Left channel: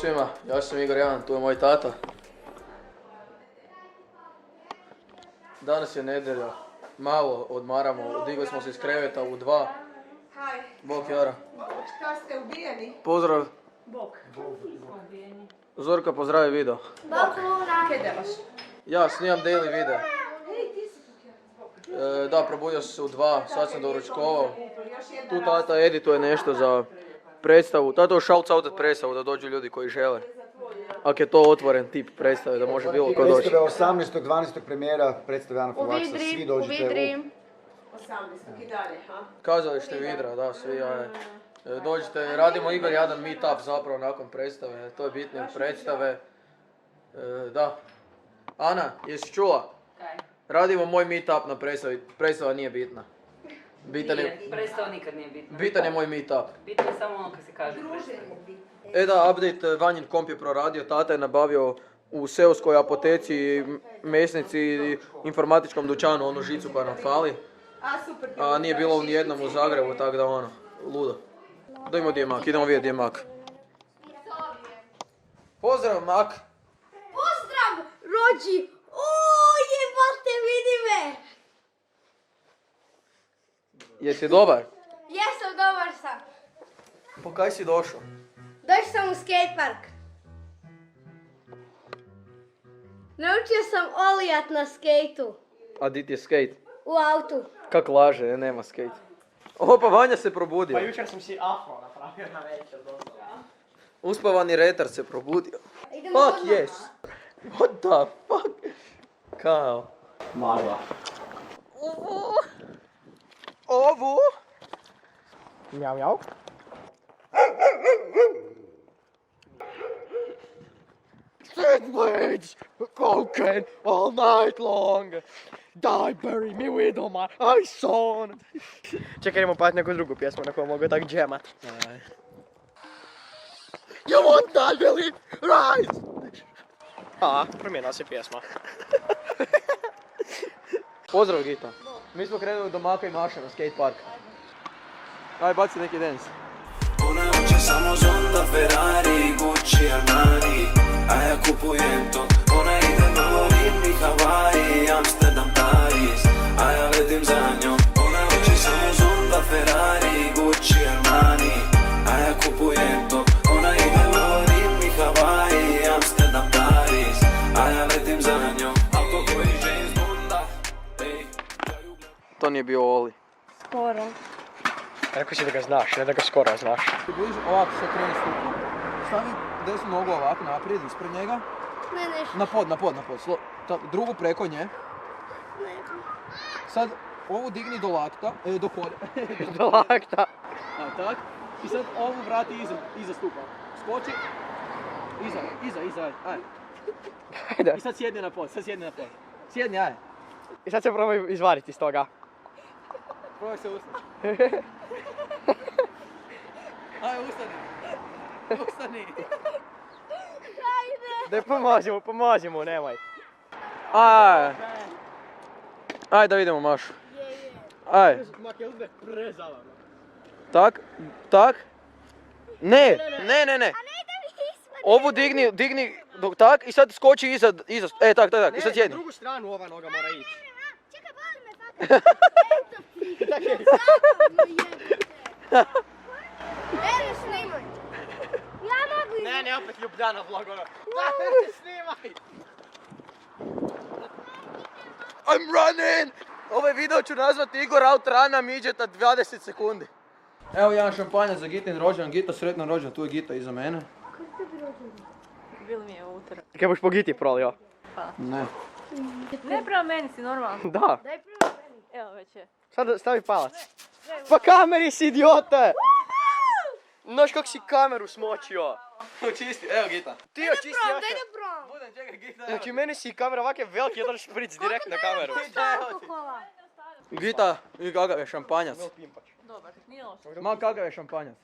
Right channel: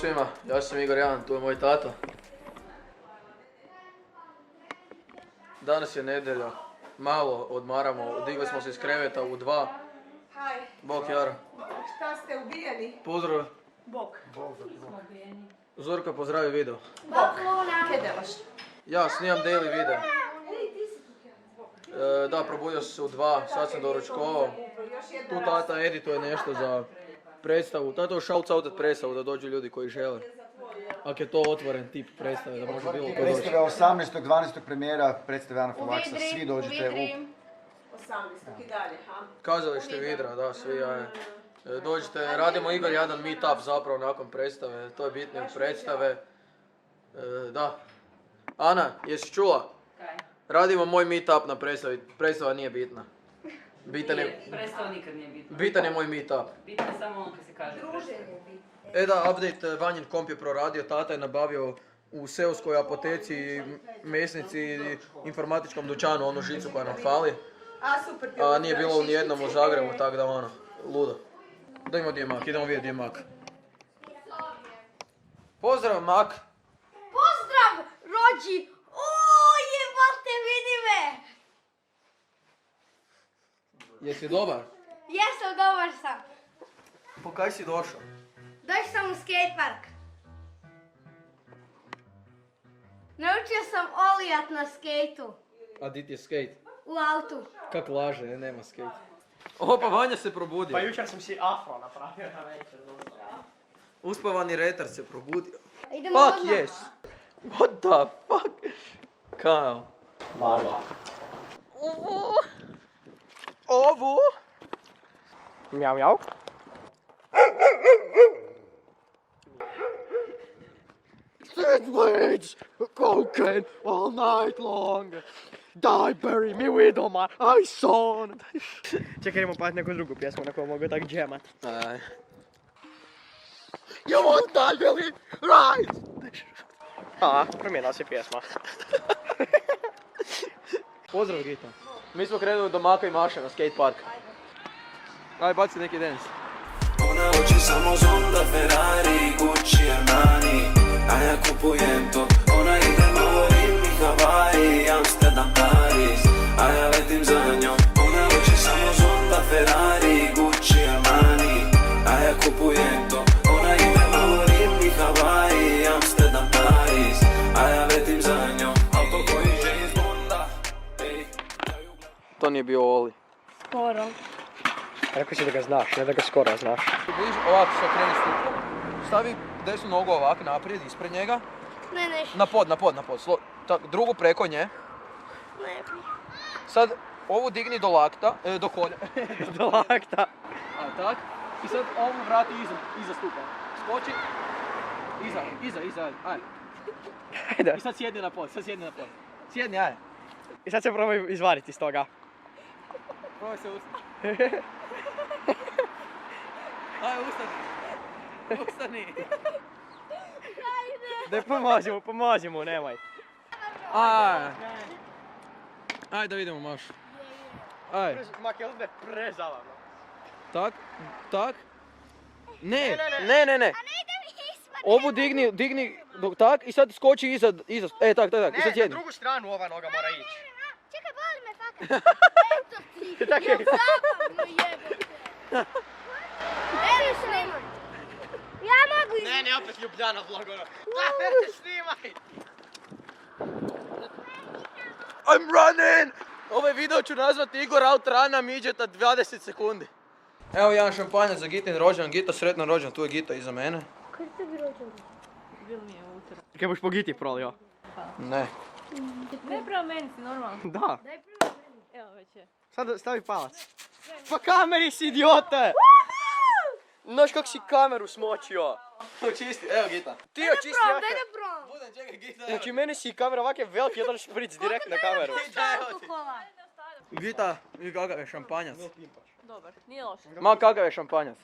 svima, ja sam Igor Jan, tu je moj tata. Danas je nedjelja, malo odmaramo, digli smo se iz kreveta u 2. Haj. Bok Jara. Šta ste ubijeni? Pozdrav. Bok. Zorka pozdravi video. Bok. Kje delaš? Ja snimam daily video. Da, probudio sam se u 2, sad sam doručkovao. Tu tata edituje nešto za predstavu. Tata shouts out predstavu da dođu ljudi koji žele. Ako je to otvoren tip predstave, da može bilo ko doći. Predstave 18.12. premijera, predstave Ana Faksa, svi dođete u... 18. i dalje, ha? Kazalište Vidra, da, svi dođite, radimo Igor jedan meetup zapravo nakon predstave, to je bitnije od predstave. Da. Ana, jesi čula? Kaj? Radimo moj meetup na predstavi, predstava nije bitna. Predstava nikad nije bitna. Bitan je moj meetup. Bitno je samo ono kad se kaže predstava. Da, update, Vanjin komp je proradio, tata je nabavio u seoskoj apoteci, mesnici i informatičkom dućanu onu žicu koja nam fali. A nije bilo u nijednom u Zagrebu, tako da ono, ludo. Da imamo gdje je mak, idemo vidjeti gdje je mak. Pozdrav mak! Pozdrav, rođi! Jebate, vidi me! Jesi dobar? Jesam, dobar sam. Po kaj si došao? Došao sam u skatepark. Naučio sam olijat na skejtu. A di ti je skate? U autu. Kak laže, nema skate. Opa, Vanja se probudio. Pa jučer sam si afro napravio na večer. Uspavani retar se probudio. Idemo Fuck odmah. yes! What the fuck? Kao? Magla. Ovo? Mjau, mjau. Sandwich! Cocaine all night long! Die, bury me with all my eyes on! Čekaj, idemo pati neku drugu pjesmu na koju mogu tak džemat. Aj. You won't die, Billy! Rise! A, promijenila se pjesma. Pozdrav Gita. Mi smo krenuli do Maka i Maše na skate park. Aj, baci neki dance. Ona hoće samo Zonda, Ferrari, Gucci, Armani, a ja kupujem to. Ona ide malo Rim i Hawaii, Amsterdam, Paris, a ja letim za njom. Ona hoće samo Zonda, Ferrari, Gucci, Armani, a ja kupujem to. Ona ide malo Rim i Hawaii, Amsterdam, Paris, a ja letim za njom. Auto koji James Bonda, ej. To nije bio Oli. Skoro. Rekao si da ga znaš, ne da ga skoro znaš. Budiš ovako se okreni stupu, stavi desnu nogu ovako naprijed, ispred njega. Ne, nešto. Na pod. Drugu preko nje. Ne. Sad ovu digni do lakta, do kolja. Do lakta. A tak. I sad ovu vrati iza stupa. Skoči. Iza, aj. Ajde. I sad sjedni na pod. Sjedni, aj. I sad se probaj izvariti iz toga. Probaj se ustati. Aj, ustani. Daj pomozi mu, nemoj. Aj da vidimo Mašu. Aj. Mak, jel ne prezavano? Tak. Ne. Ovu digni, tak i sad skoči iza, tak. I sad Ne, sjedni. drugu stranu ova noga mora ići. Čekaj, boli me fakat. Eto ti. Zabavno jebote. Eno, snimaj. Ja mogu Ne, opet Ljubljana vlog ono. Snimaj! I'm running! Ovaj video ću nazvati Igor out rana midgeta 20 sekundi. Evo jedan šampanjac za Gitin rođendan. Gita, sretan rođendan, tu je Gita iza mene. Kaj boš po Giti prolio? Ne. Ne prema meni si normalno. Da. Evo već je. Sad stavi palac. Pa kameri si, idiote! Znaš kako si kameru smočio? Očisti, evo Gita. Ti očisti Daj jake. da brom. Budem, čekaj Gita. Znači meni si kamera ovak je veliki, jedan špric direkt na kameru. Alkohola. Gita, i kakav je šampanjac? Dobar, nije loš. Ma kakav je šampanjac?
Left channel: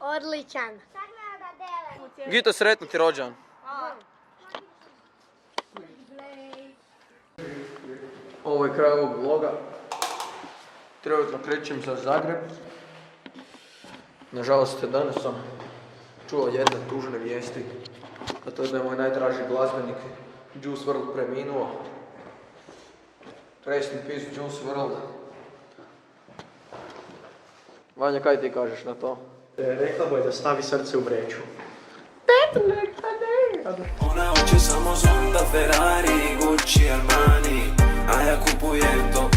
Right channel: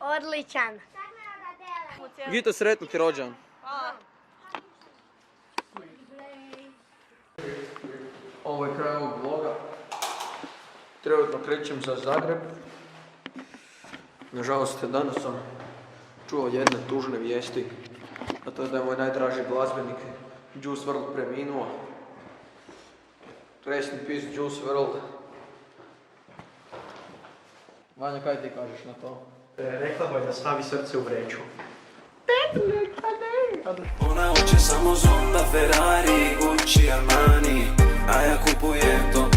Odličan. Gita, sretni ti rođendan. Ovo je kraj ovog vloga. Trenutno krećem za Zagreb. Nažalost, danas sam čuo jedne tužne vijesti A to je da je moj najdraži glazbenik Juice WRLD preminuo. Rest in peace Juice WRLD. Vanja, kaj ti kažeš na to? Rekla mu je da stavi srce u vreću. Ona hoće samo Zonda, Ferrari, Gucci, Armani, a ja kupujem to,